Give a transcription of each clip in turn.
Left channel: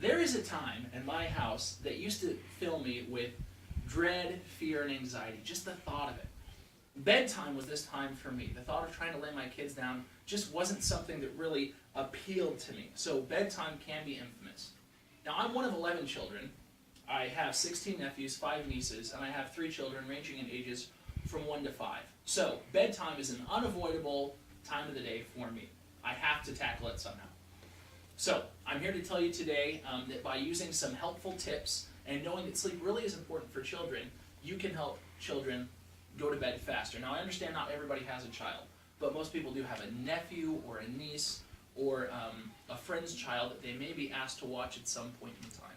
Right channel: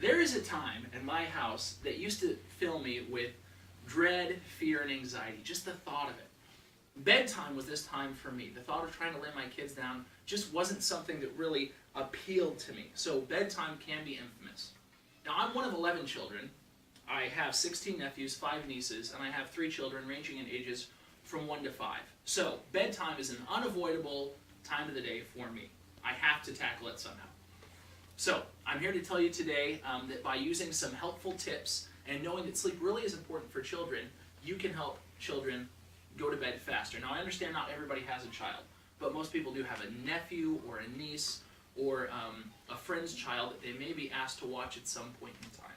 There is a time in my house that used to fill me with dread, fear, and anxiety, just the thought of it. Bedtime was this time for me. The thought of trying to lay my kids down just wasn't something that really appealed to me. So bedtime can be infamous. Now, I'm one of 11 children. I have 16 nephews, 5 nieces, and I have 3 children ranging in ages from 1 to 5. So bedtime is an unavoidable time of the day for me. I have to tackle it somehow. So I'm here to tell you today that by using some helpful tips and knowing that sleep really is important for children, you can help children go to bed faster. Now, I understand not everybody has a child, but most people do have a nephew or a niece or a friend's child that they may be asked to watch at some point in time.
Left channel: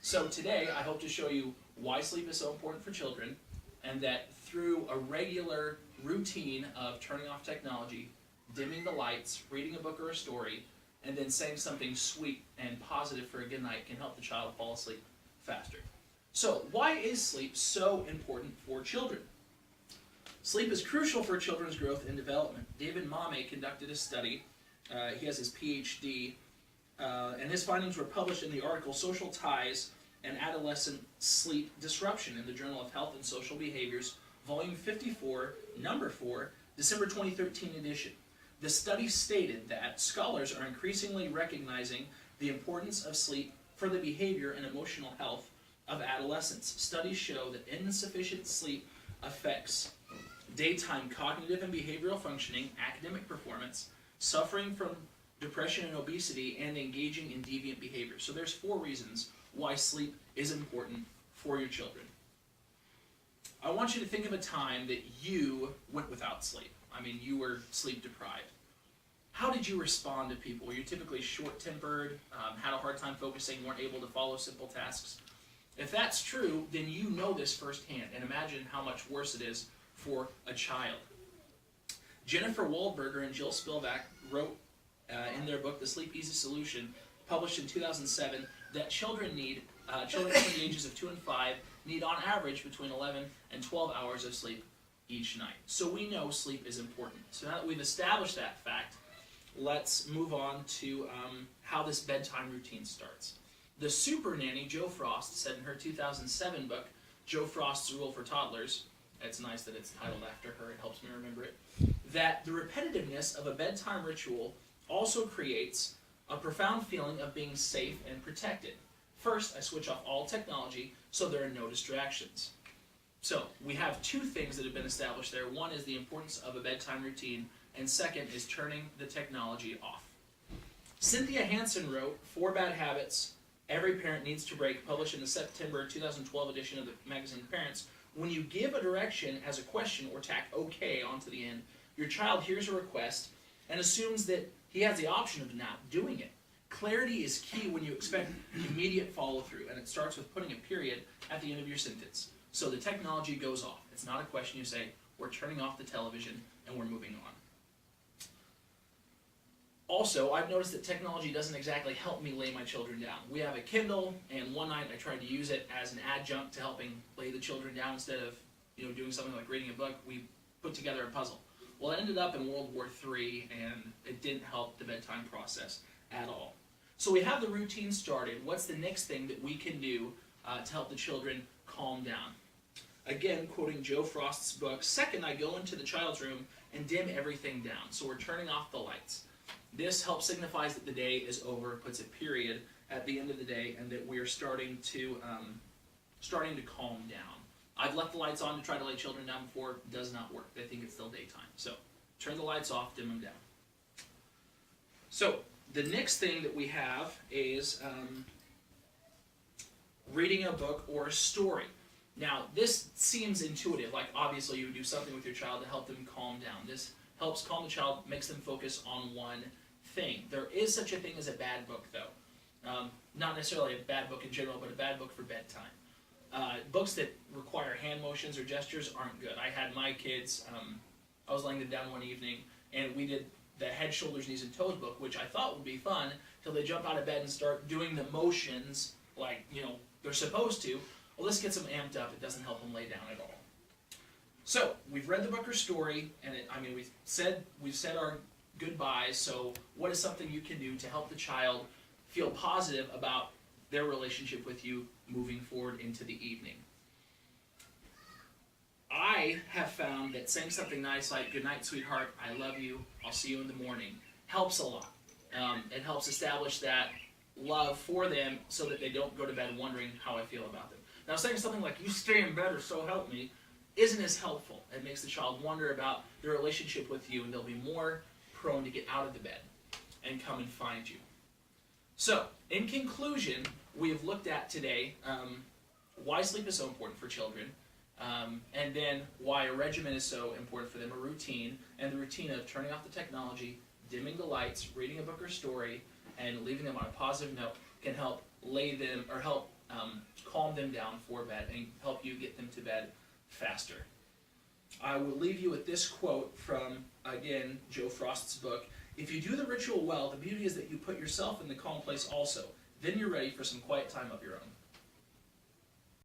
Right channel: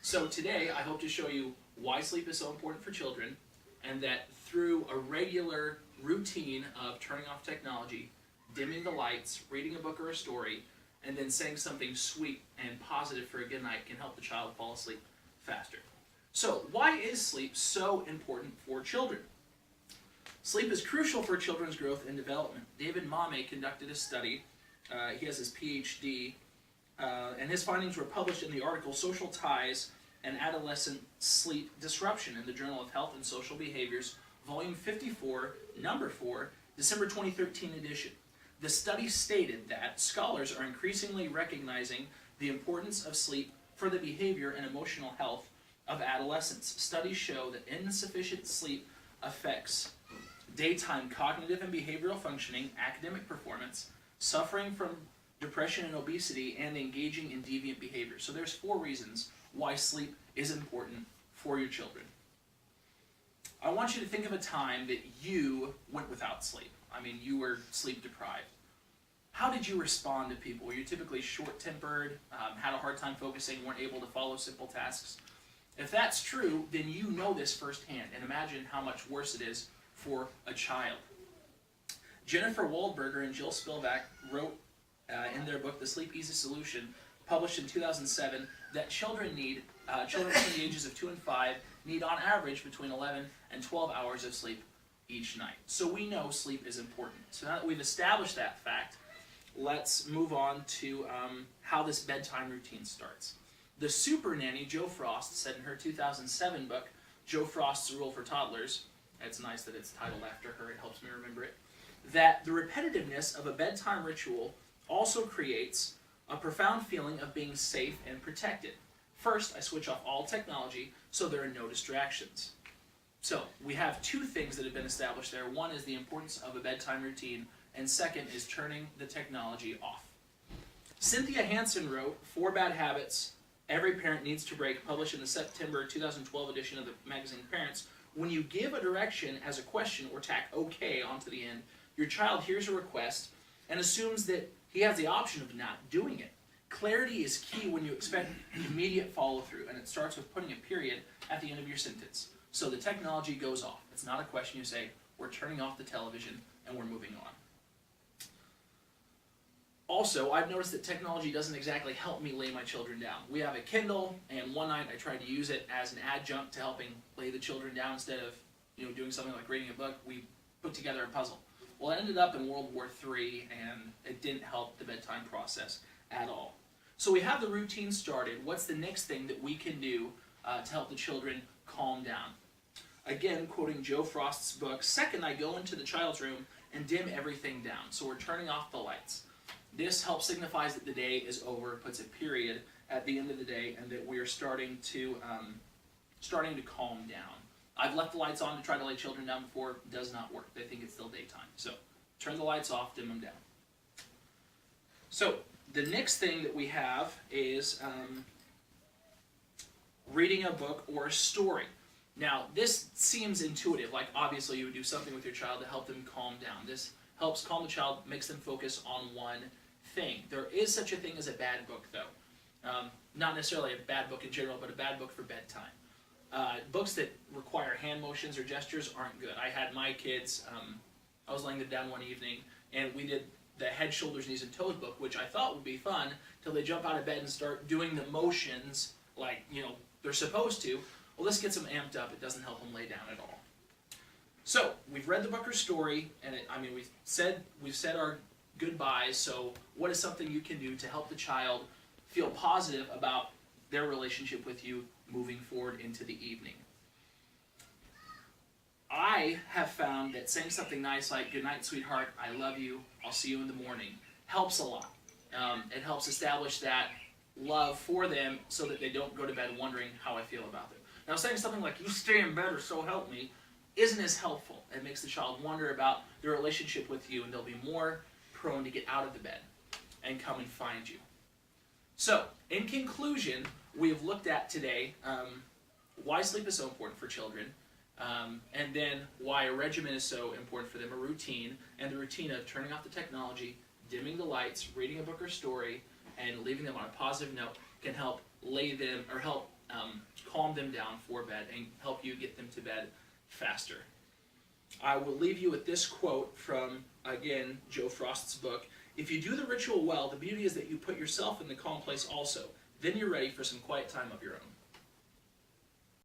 So today, I hope to show you why sleep is so important for children, and that through a regular routine of turning off technology, dimming the lights, reading a book or a story, and then saying something sweet and positive for a good night can help the child fall asleep faster. So, why is sleep so important for children? Sleep is crucial for children's growth and development. David Mame conducted a study. He has his PhD, and his findings were published in the article Social Ties and Adolescent Sleep Disruption in the Journal of Health and Social Behaviors, Volume 54, Number 4, December 2013 edition. The study stated that scholars are increasingly recognizing the importance of sleep for the behavior and emotional health of adolescents. Studies show that insufficient sleep affects daytime cognitive and behavioral functioning, academic performance, suffering from depression and obesity, and engaging in deviant behavior. So there's 4 reasons why sleep is important for your children. I want you to think of a time that you went without sleep. I mean, you were sleep deprived. How did you respond to people? Were you typically short-tempered, had a hard time focusing, weren't able to follow simple tasks? If that's true, then you know this firsthand, and imagine how much worse it is for a child. Jennifer Waldberger and Jill Spivak wrote in their book, The Sleep Easy Solution, published in 2007, that children between the ages of 2 and 5 need on average between 11 and 12 hours of sleep each night. So we know sleep is important. So now that we've established that fact, let's move on to how this bedtime routine starts. The super nanny, Jo Frost, said in her 2007 book, Jo Frost's Rule for Toddlers, it's nice that it's titled after her, it helps me remember it, that the repetitiveness of a bedtime ritual also creates a profound feeling of being safe and protected. First, I switch off all technology so there are no distractions. So, we have 2 things that have been established there. One is the importance of a bedtime routine, and second is turning the technology off. Cynthia Hansen wrote 4 Bad Habits Every Parent Needs to Break, published in the September 2012 edition of the magazine Parents. When you give a direction as a question or tack OK onto the end, your child hears a request and assumes that he has the option of not doing it. Clarity is key when you expect immediate follow-through, and it starts with putting a period at the end of your sentence. So the technology goes off. It's not a question you say, we're turning off the television and we're moving on. Also, I've noticed that technology doesn't exactly help me lay my children down. We have a Kindle, and one night I tried to use it as an adjunct to helping lay the children down instead of doing something like reading a book. We put together a puzzle. Well, it ended up in World War III, and it didn't help the bedtime process at all. So we have the routine started. What's the next thing that we can do to help the children calm down? Again, quoting Jo Frost's book, second, I go into the child's room and dim everything down. So we're turning off the lights. This helps signifies that the day is over, puts a period at the end of the day, and that we are starting to calm down. I've left the lights on to try to lay children down before. It does not work. They think it's still daytime. So turn the lights off, dim them down. So the next thing that we have is reading a book or a story. Now, this seems intuitive, like obviously you would do something with your child to help them calm down. This helps calm the child, makes them focus on one thing. There is such a thing as a bad book, though. Not necessarily a bad book in general, but a bad book for bedtime. Books that require hand motions or gestures aren't good. I had my kids, I was laying them down one evening, and we did the Head, Shoulders, Knees, and Toes book, which I thought would be fun, till they jump out of bed and start doing the motions like, they're supposed to. Well, this gets them amped up. It doesn't help them lay down at all. So, we've read the book or story, and we've said our goodbyes, so what is something you can do to help the child feel positive about their relationship with you moving forward into the evening. I have found that saying something nice like, "Good night, sweetheart, I love you, I'll see you in the morning," helps a lot. It helps establish that love for them so that they don't go to bed wondering how I feel about them. Now, saying something like, "You stay in bed or so help me," isn't as helpful. It makes the child wonder about their relationship with you, and they'll be more prone to get out of the bed and come and find you. So, in conclusion, we have looked at today why sleep is so important for children, and then why a regimen is so important for them, a routine, and the routine of turning off the technology, dimming the lights, reading a book or story, and leaving them on a positive note can help lay them, or help calm them down for bed and help you get them to bed faster. I will leave you with this quote from, again, Joe Frost's book. "If you do the ritual well, the beauty is that you put yourself in the calm place also. Then you're ready for some quiet time of your own."